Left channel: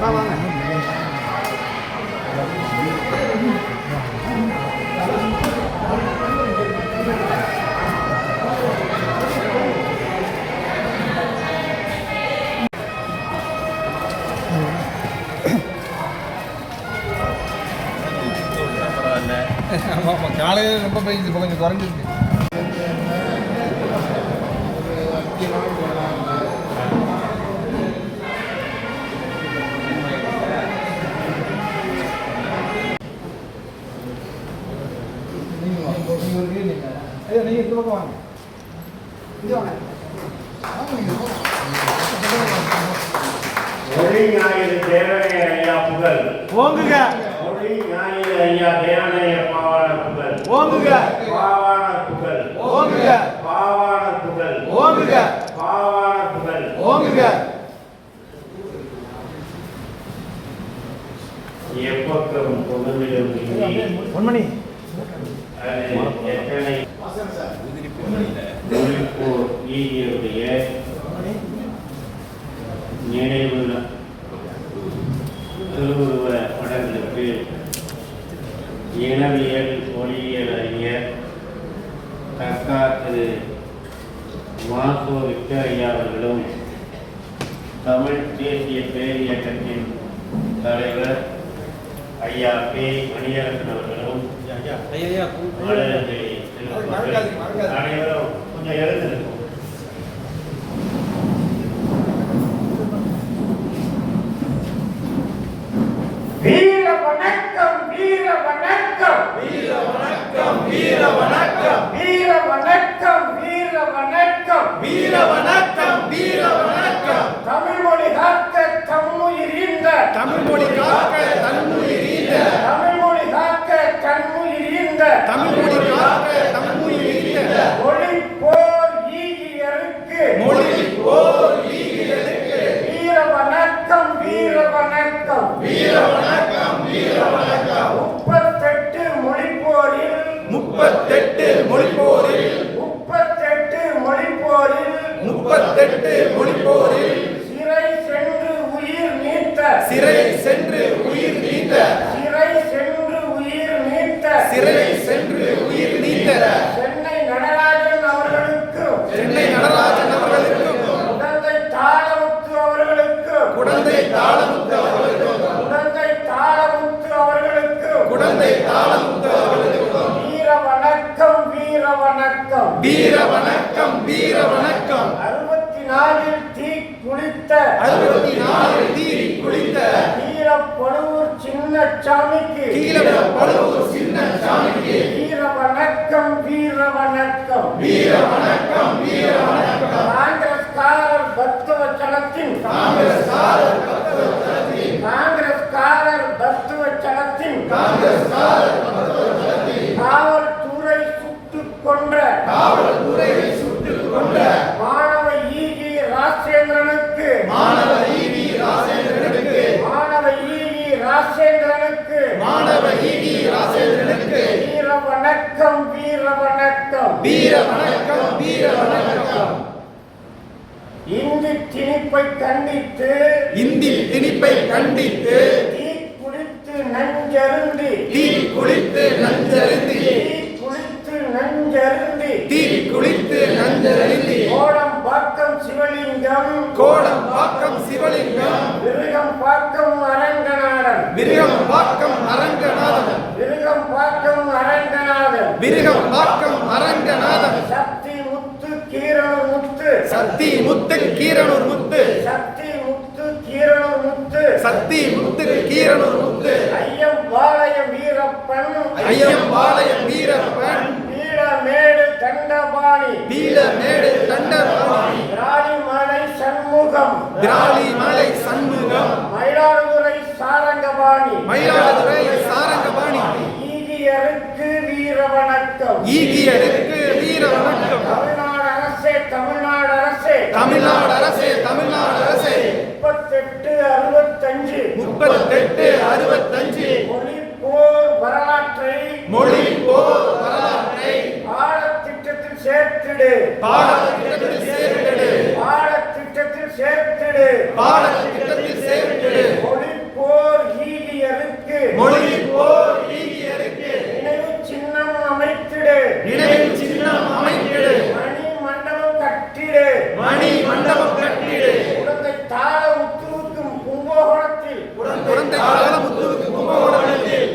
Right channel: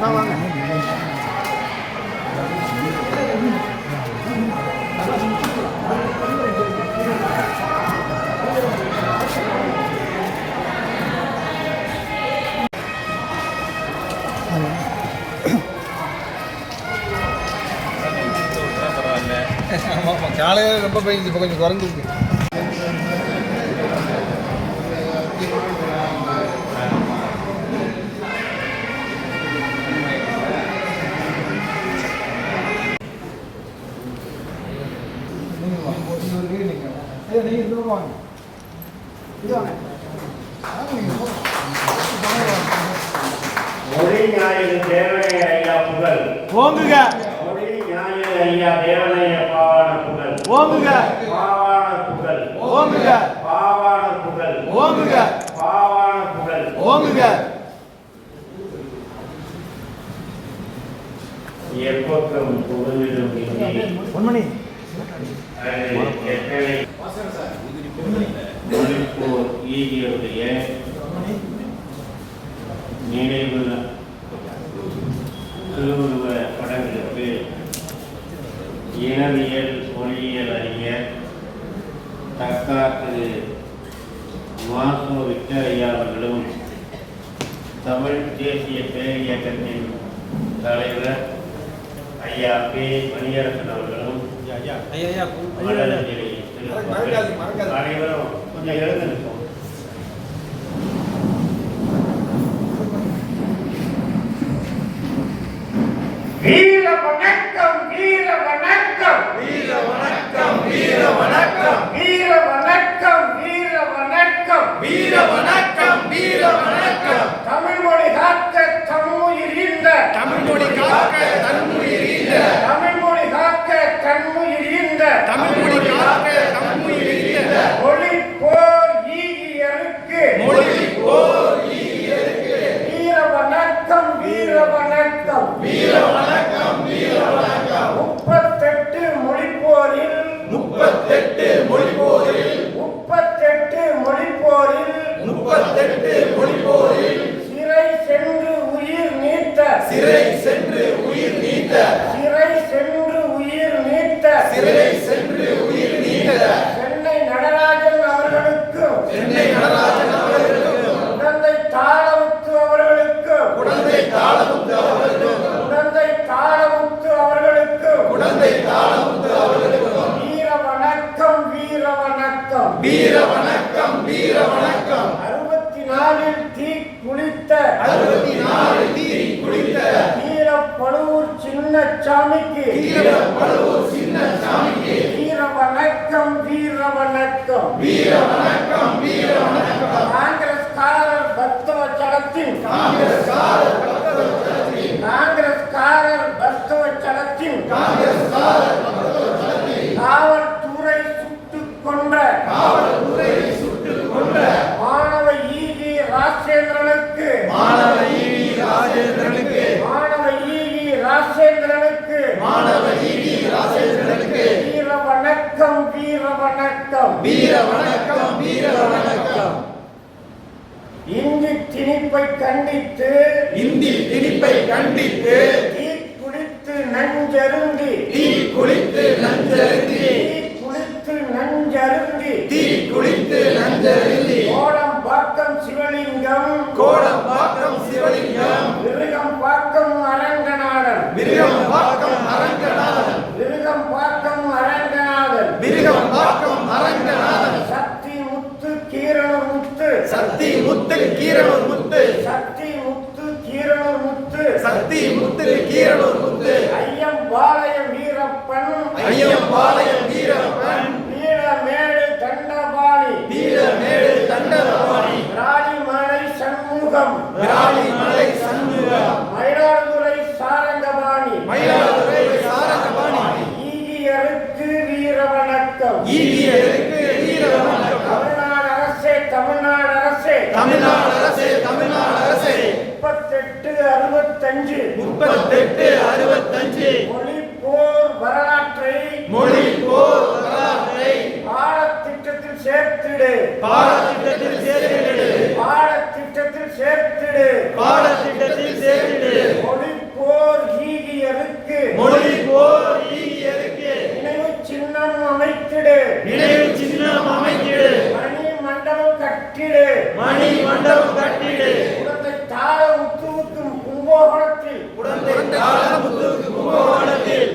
வாங்க. ஆமாம், காலையில் ரொம்ப போயிடுச்சு, இப்போ கொஞ்சம் குறைஞ்சிருக்கு. நீங்கள் இந்த பக்கம் வாங்க, இது வாங்க. மொழி ஞாயிறு தேவனைய ஐயா புகழ் ஓங்குக. மொழி ஞாயிறு ஐயா தேவனைய பாவான புகழ் ஓங்குக. பாவான புகழ் ஓங்குக. பாவான புகழ் ஓங்குக. பாவான புகழ் ஓங்குக. எப்போதும் புகழிலும் பொன்மணி மொழிப்போர் ஈகியுடைய நினைவு திருவுருவ படங்களுக்கு இனவியல் மொழியியல் அறிஞர் தக்கா திரு மாசோ விக்டோரியா அவர்களும் தமிழ் தேசிய பேரியக்கத்தின் தலைவர் ஐயா பே மணியரசன் அவர்களும் அனைவரும் கொஞ்சம் எழுந்திருக்கும். வீர வணக்கம், வீர வணக்கம், வீர வணக்கம், வீர வணக்கம், வீர வணக்கம், வீர வணக்கம், வீர வணக்கம், வீர வணக்கம். தமிழ் மொழி காக்க தம்முயிர் ஈந்த, தமிழ் மொழி காக்க தம்முயிர் ஈந்த, தமிழ் மொழி காக்க தம்முயிர் ஈந்த, தமிழ் மொழி காக்க தம்முயிர் ஈந்த. மொழி போர் ஈகியருக்கு, மொழி போர் ஈகியருக்கு. வீர வணக்கம், வீர வணக்கம், வீர வணக்கம், வீர வணக்கம். 38 மொழிப்போரில், 38 மொழிப்போரில், 38 மொழிப்போரில், 38 மொழிப்போரில் சிறை சென்று உயிர் நீத்த, சிறை சென்று உயிர் நீத்த, சிறை சென்று உயிர் நீத்த, சிறை சென்று உயிர் நீத்த சென்னை நடராஜன் அவர்களுக்கும், சென்னை நடராஜன் அவர்களுக்கும், குடந்தை தாளமுத்து அவர்களுக்கும், குடந்தை தாளமுத்து அவர்களுக்கும், குடந்தை தாளமுத்து அவர்களுக்கும், குடந்தை தாளமுத்து அவர்களுக்கும் வீர வணக்கம், வீர வணக்கம், வீர வணக்கம், வீர வணக்கம். 64 தீ குளித்த, 64 தீ குளித்த வீரப்பழுவூர் சின்னசாமிக்கு, வீரப்பழுவூர் சின்னசாமிக்கு வீர வணக்கம், வீர வணக்கம், வீர வணக்கம், வீர வணக்கம். காங்கிரஸ்காரர் பக்தவச்சலத்தின், காங்கிரஸ்காரர் பக்தவச்சலத்தின், காங்கிரஸ்காரர் பக்தவச்சலத்தின், காங்கிரஸ்காரர் பக்தவச்சலத்தின் காவல்துறை சுட்டுக் கொன்ற, காவல்துறை சுட்டுக் கொன்ற மாணவ ஈகி ராஜேந்திரனுக்கு, மாணவ ஈகி ராஜேந்திரனுக்கு, மாணவ ஈகி ராஜேந்திரனுக்கு, மாணவ ஈகி ராஜேந்திரனுக்கு வீர வணக்கம், வீர வணக்கம், வீர வணக்கம், வீர வணக்கம். இந்தி திணிப்பை கண்டித்து, இந்தி திணிப்பை கண்டித்து தீ குளித்து நஞ்சருந்தி, தீ குளித்து நஞ்சருந்தி, தீ குளித்து நஞ்சருந்தி, தீ குளித்து நஞ்சருந்தி கோடம்பாக்கம் சிவலிங்கம், கோடம்பாக்கம் சிவலிங்கம் விருகம்பாக்கம் அரங்கநாதன், விருகம்பாக்கம் அரங்கநாதன், விருகம்பாக்கம் அரங்கநாதன், விருகம்பாக்கம் அரங்கநாதன். சக்தி முத்து கீரனூர் முத்து, சக்தி முத்து கீரனூர் முத்து, சக்தி முத்து கீரனூர் முத்து, சக்தி முத்து கீரனூர் முத்து. ஐயம்பாளையம் வீரப்பன், ஐயம்பாளையம் வீரப்பன் வீரமேடு தண்டபாணி, வீரமேடு தண்டபாணி. விராலிமலை சண்முகம், விராலிமலை சண்முகம். மயிலாடுதுறை சாரங்கபாணி, மயிலாடுதுறை சாரங்கபாணி. ஈகியருக்கு வீர வணக்கம், ஈகியருக்கு வீர வணக்கம். தமிழ்நாடு அரசே, தமிழ்நாடு அரசே, தமிழ்நாடு அரசே, தமிழ்நாடு அரசே. 3865, 3865 மொழிப்போர் வரலாற்றை, மொழிப்போர் வரலாற்றை பாடத்திட்டத்தில் சேர்த்திடு, பாடத்திட்டத்தில் சேர்த்திடு, பாடத்திட்டத்தில் சேர்த்திடு, பாடத்திட்டத்தில் சேர்த்திடு. மொழி கட்டிடு மணி மண்டபம் கட்டிடு உடந்தை தாழ முத்துவுக்கும் கும்பகோணத்தில்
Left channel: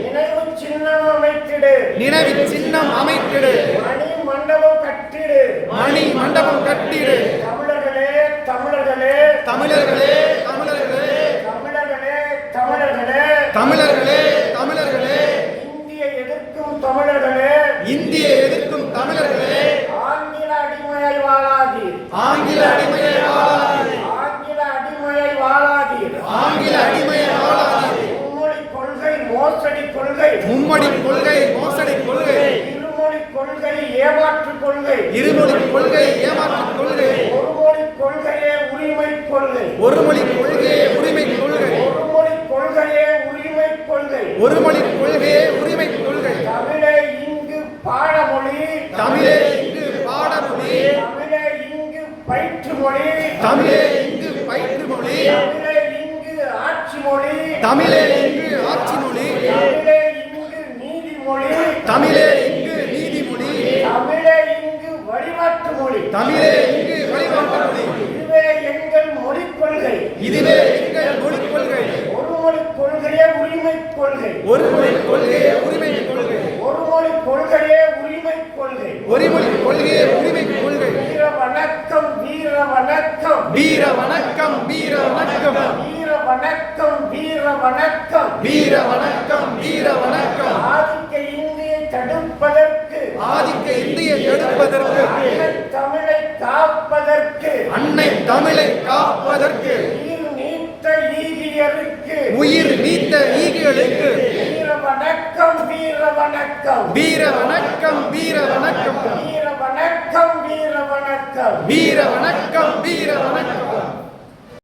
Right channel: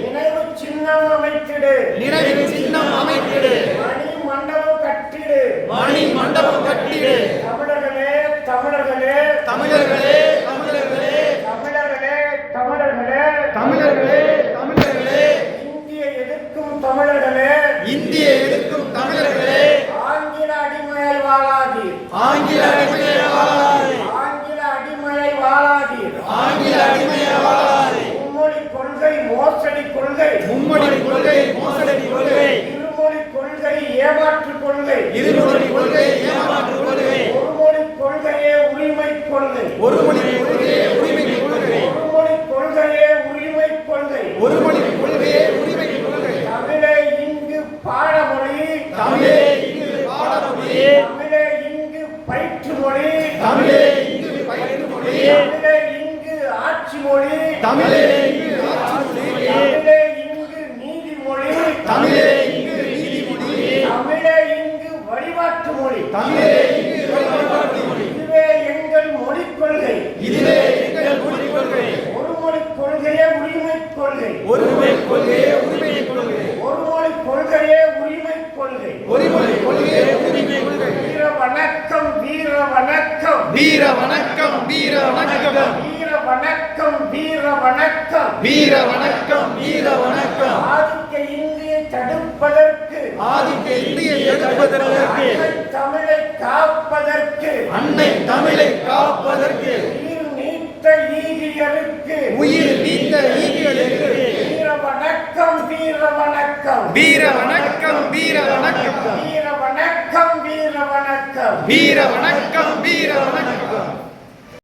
நினைவு சின்னம் அமைத்திடு நினைவு சின்னம் அமைத்திடு மணி மண்டபம் கட்டிடு மணி மண்டபம் கட்டிடு தமிழர்களே தமிழர்களே தமிழர்களே தமிழர்களே தமிழர்களே தமிழர்களே தமிழர்களே தமிழர்களே இந்தியை எதிர்க்கும் தமிழர்களே இந்தியை எதிர்க்கும் தமிழர்களே ஆங்கில அடிமையை வாழாதீர் ஆங்கில அடிமையை வாழாதே ஆங்கில அடிமையை வாழாதீர் ஆங்கில அடிமையை வாழாதே மும்மொழி கொள்கை மோசடி கொள்கை மும்மொழி கொள்கை மோசடி கொள்கை இருமொழி கொள்கை ஏமாற்று கொள்கை இருமொழி கொள்கை ஏமாற்று கொள்கை ஒருமொழி கொள்கையே உரிமை கொள்கை ஒருமொழி கொள்கை உரிமை கொள்கை ஒருமொழி கொள்கையே உரிமை கொள்கை ஒருமொழி கொள்கை உரிமை கொள்கை தமிழே இங்கு பாடமொழி தமிழே இங்கு பாடமொழி தமிழே இங்கு பயிற்று மொழி தமிழே இங்கு பயிற்று மொழி தமிழே இங்கு ஆட்சி மொழி தமிழே இங்கு ஆட்சி மொழி தமிழே இங்கு நீதிமொழி தமிழே இங்கு நீதிமொழி தமிழே இங்கு வழிபாட்டு மொழி தமிழே இங்கு வழிபாட்டு மொழி இதுவே எங்கள் மொழிக் கொள்கை இதுவே எங்கள் மொழி கொள்கை ஒரு மொழி கொள்கையே உரிமை கொள்கை ஒருமொழி கொள்கை உரிமை கொள்கை ஒரு மொழி கொள்கையே உரிமை கொள்கை ஒருமொழி கொள்கை உரிமை கொள்கை வீர வணக்கம் வீர வணக்கம் வீர வணக்கம் வீர வணக்கம் வீர வணக்கம் வீர வணக்கம் வீர வணக்கம் வீர வணக்கம் ஆதிக்க இந்தியை தடுப்பதற்கு ஆதிக்க இந்தியை எதிர்ப்பதற்கு அன்னை தமிழை காப்பதற்கு அன்னை தமிழை காப்பதற்கு உயிர் நீத்த ஈகியருக்கு உயிர் நீத்த ஈகிகளுக்கு வீர வணக்கம் வீர வணக்கம் வீர வணக்கம் வீர வணக்கம் வீர வணக்கம் வீர வணக்கம் வீர வணக்கம் வீர வணக்கம்